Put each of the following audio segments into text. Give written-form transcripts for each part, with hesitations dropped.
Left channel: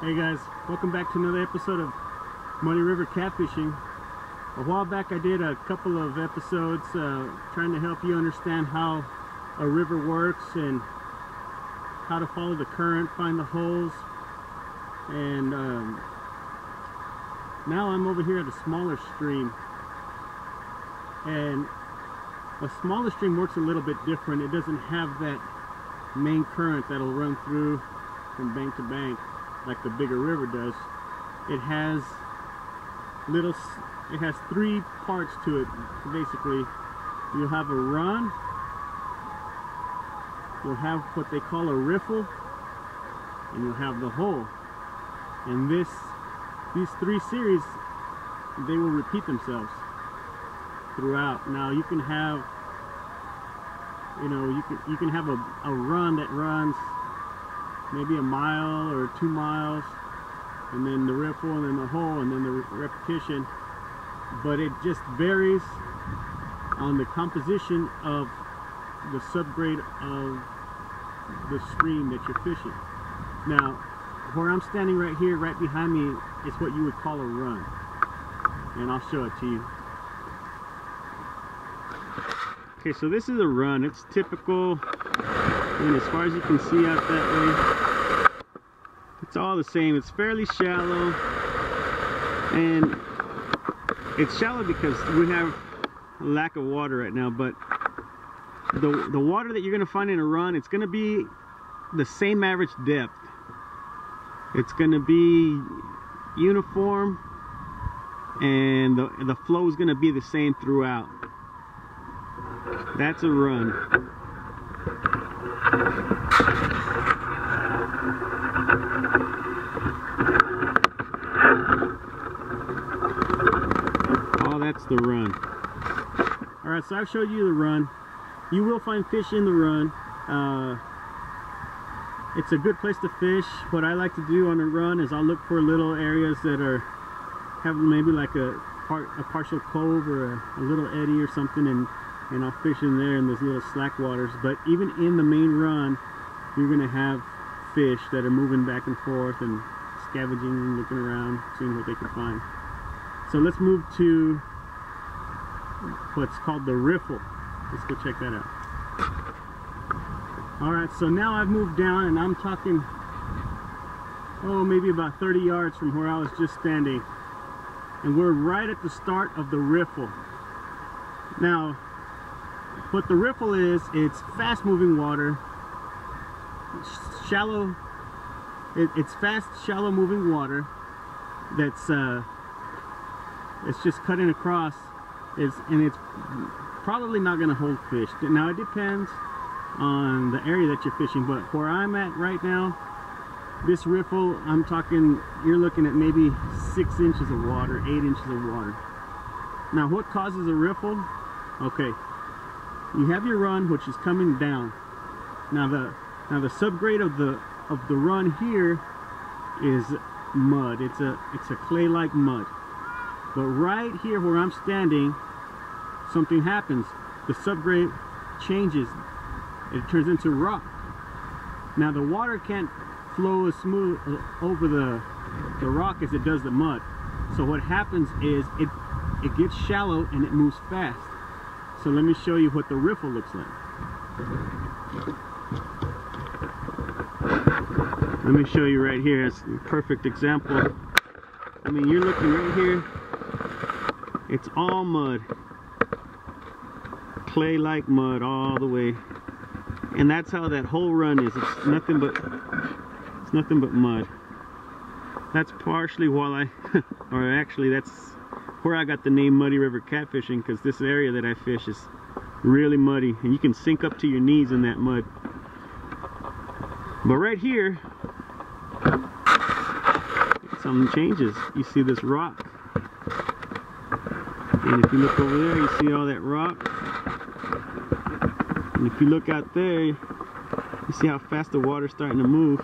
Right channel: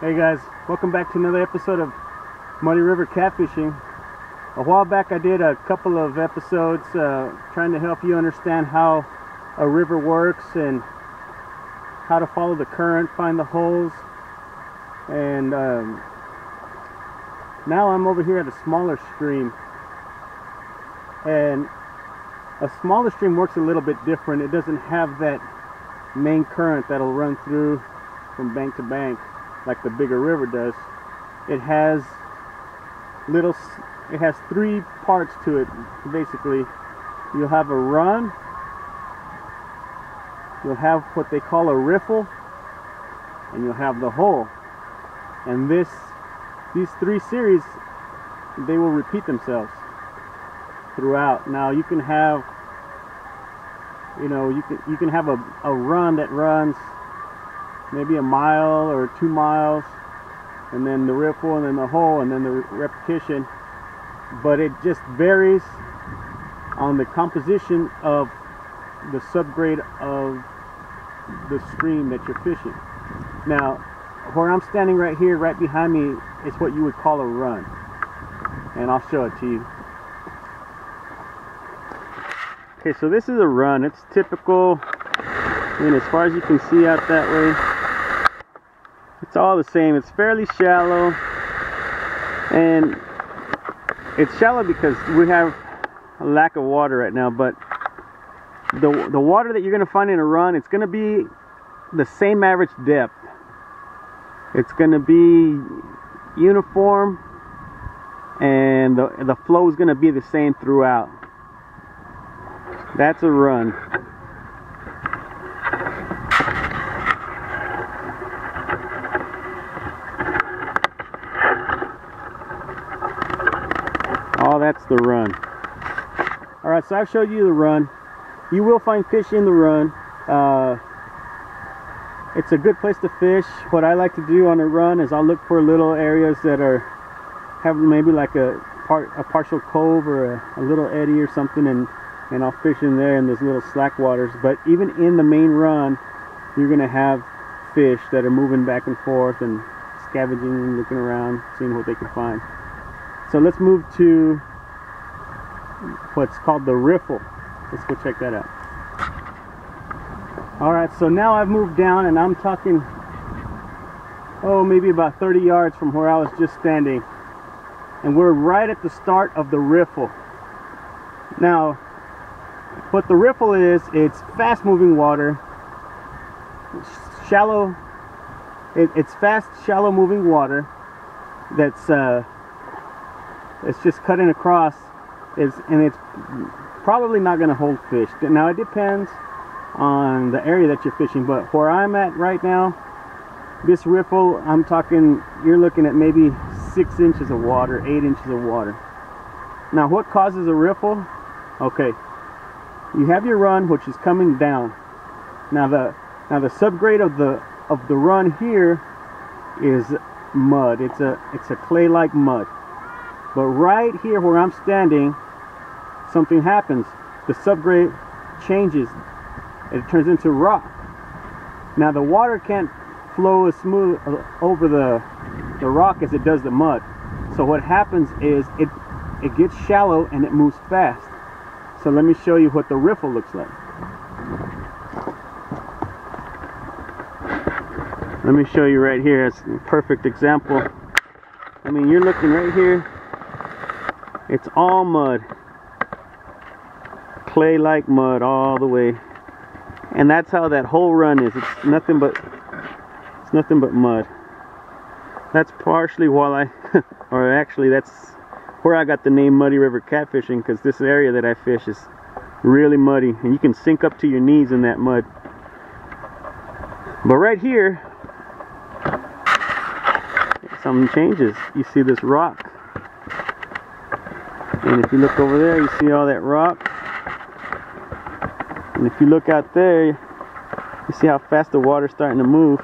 Hey guys, welcome back to another episode of Muddy River Catfishing. A while back I did a couple of episodes trying to help you understand how a river works and how to follow the current, find the holes. And now I'm over here at a smaller stream. And a smaller stream works a little bit different. It doesn't have that main current that'll run through from bank to bank like the bigger river does. It has three parts to it. Basically, you'll have a run, you'll have what they call a riffle, and you'll have the hole. And these three series, they will repeat themselves throughout. Now you can have, you can have a run that runs maybe a mile or 2 miles, and then the riffle, and then the hole, and then the repetition. But it just varies on the composition of the subgrade of the stream that you're fishing. Now, where I'm standing right here, right behind me, is what you would call a run, and I'll show it to you. Okay, so this is a run. It's typical, and as far as you can see out that way, it's all the same. It's fairly shallow, and it's shallow because we have a lack of water right now. But the water that you're going to find in a run, it's going to be the same average depth. It's going to be uniform, and the flow is going to be the same throughout. That's a run. Oh, that's the run. Alright, so I've showed you the run. You will find fish in the run. It's a good place to fish. What I like to do on a run is I'll look for little areas that have maybe like a partial cove or a little eddy or something, and I'll fish in there in those little slack waters. But even in the main run, you're going to have fish that are moving back and forth and scavenging and looking around, seeing what they can find. So let's move to what's called the riffle. Let's go check that out. Alright, so now I've moved down, and I'm talking, maybe about 30 yards from where I was just standing. And we're right at the start of the riffle. Now, what the riffle is, it's fast moving water. Shallow, it's fast, shallow moving water that's it's just cutting across, and it's probably not going to hold fish. Now it depends on the area that you're fishing, but where I'm at right now, this riffle, I'm talking, you're looking at maybe 6 inches of water, 8 inches of water. Now what causes a riffle? Okay, you have your run, which is coming down. Now the subgrade of the run here is mud. It's a clay-like mud. But right here where I'm standing, something happens. The subgrade changes. It turns into rock. Now the water can't flow as smooth over the rock as it does the mud. So what happens is it gets shallow and it moves fast. So let me show you what the riffle looks like. Let me show you right here. It's a perfect example. I mean, you're looking right here. It's all mud, clay-like mud all the way, and that's how that whole run is. It's nothing but mud. That's partially why or actually that's where I got the name Muddy River Catfishing, because this area that I fish is really muddy, and you can sink up to your knees in that mud. But right here, something changes. You see this rock. And if you look over there, you see all that rock. And if you look out there, you see how fast the water's starting to move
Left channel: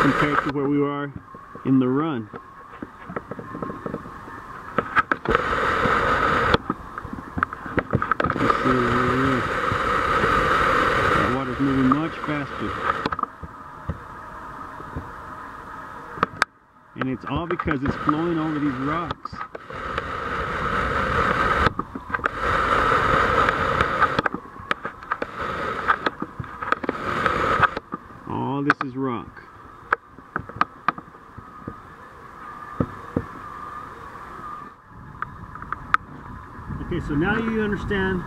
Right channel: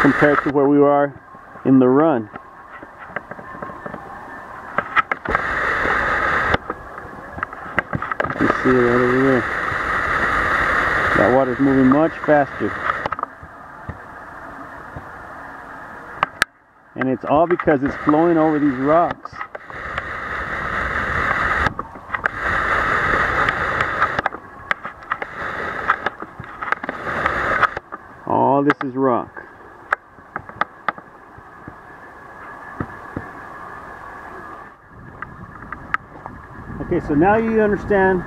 compared to where we are in the run. You see it right over there. That water's moving much faster. it's all because it's flowing over these rocks. All this is rock. Okay, so now you understand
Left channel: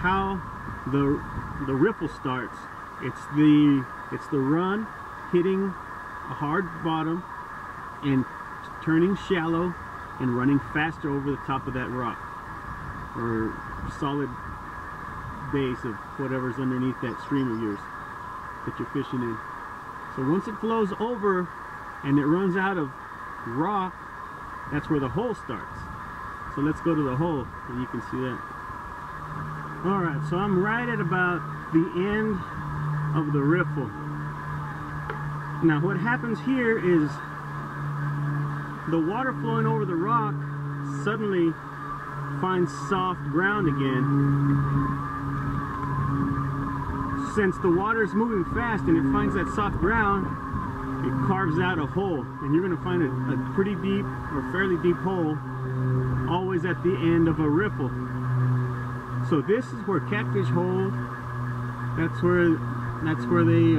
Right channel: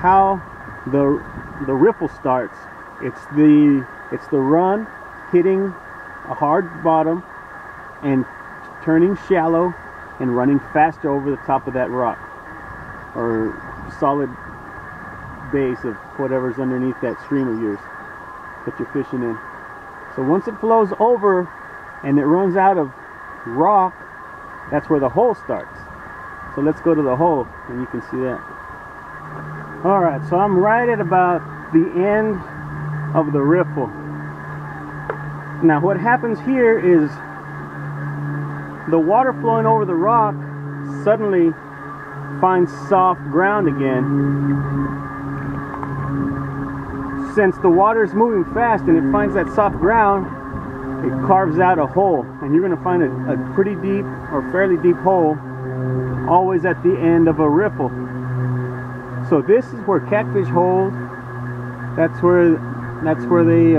how the riffle starts. It's the run hitting a hard bottom and turning shallow and running faster over the top of that rock or solid base of whatever's underneath that stream of yours that you're fishing in. So once it flows over and it runs out of rock, that's where the hole starts. So let's go to the hole and you can see that. Alright, so I'm right at about the end of the riffle. Now what happens here is the water flowing over the rock suddenly finds soft ground again. Since the water is moving fast and it finds that soft ground, it carves out a hole, and you're going to find a pretty deep or fairly deep hole always at the end of a riffle. So this is where catfish hold. That's where they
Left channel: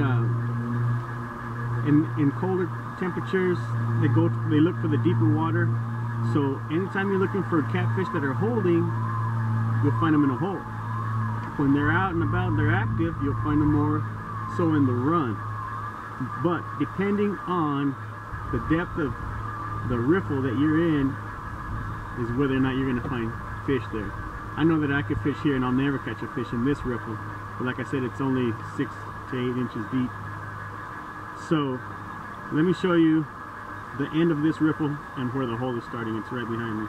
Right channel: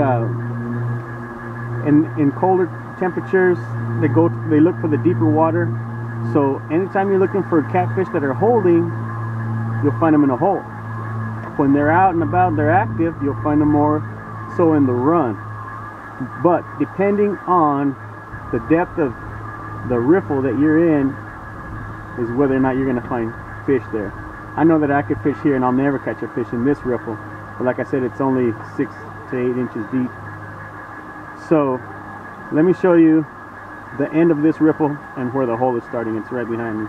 in colder temperatures they look for the deeper water. So anytime you're looking for catfish that are holding, you'll find them in a hole. When they're out and about, they're active, you'll find them more so in the run. But depending on the depth of the riffle that you're in is whether or not you're going to find fish there. I know that I could fish here and I'll never catch a fish in this riffle, but like I said, it's only 6 to 8 inches deep. So let me show you the end of this riffle and where the hole is starting. It's right behind me.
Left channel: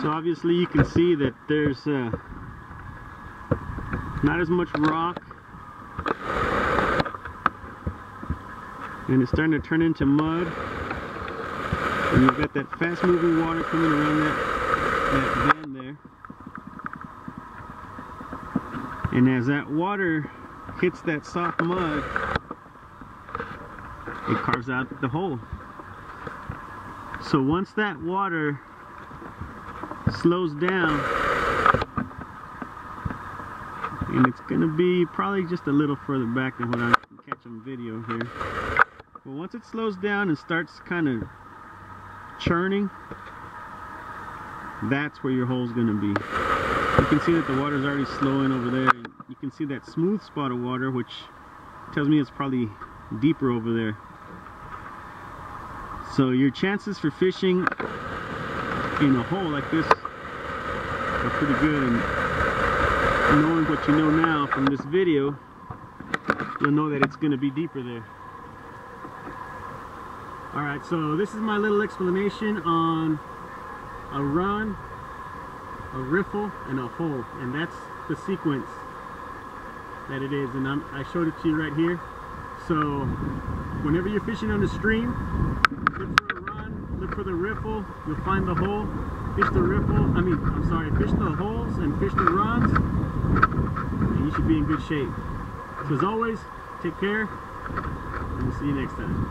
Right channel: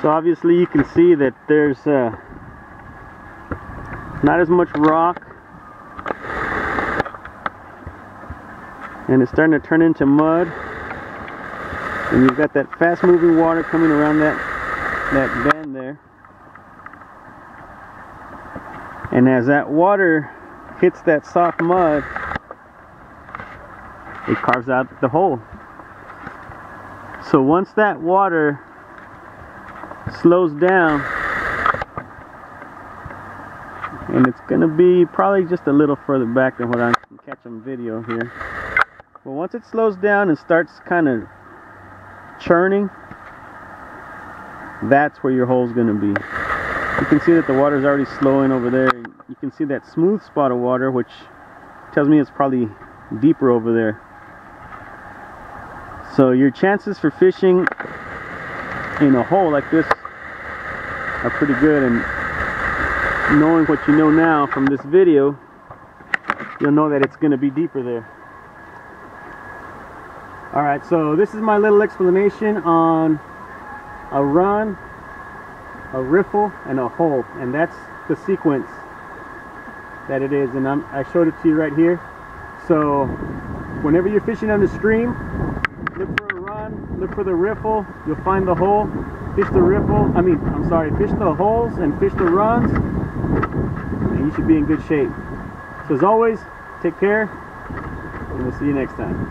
So obviously you can see that there's not as much rock, and it's starting to turn into mud, and you've got that fast moving water coming around that bend there, and as that water hits that soft mud, it carves out the hole. So once that water slows down, and it's gonna be probably just a little further back than what I can catch on video here, but once it slows down and starts kind of churning, that's where your hole's gonna be. You can see that the water's already slowing over there. You can see that smooth spot of water, which tells me it's probably deeper over there. So your chances for fishing in a hole like this are pretty good, and knowing what you know now from this video, you'll know that it's going to be deeper there. Alright, so this is my little explanation on a run, a riffle, and a hole, and that's the sequence that it is, and I showed it to you right here. So whenever you're fishing on the stream, look for a run, look for the riffle, you'll find the hole, fish the riffle, fish the holes and fish the runs, and you should be in good shape. So as always, take care, and we'll see you next time.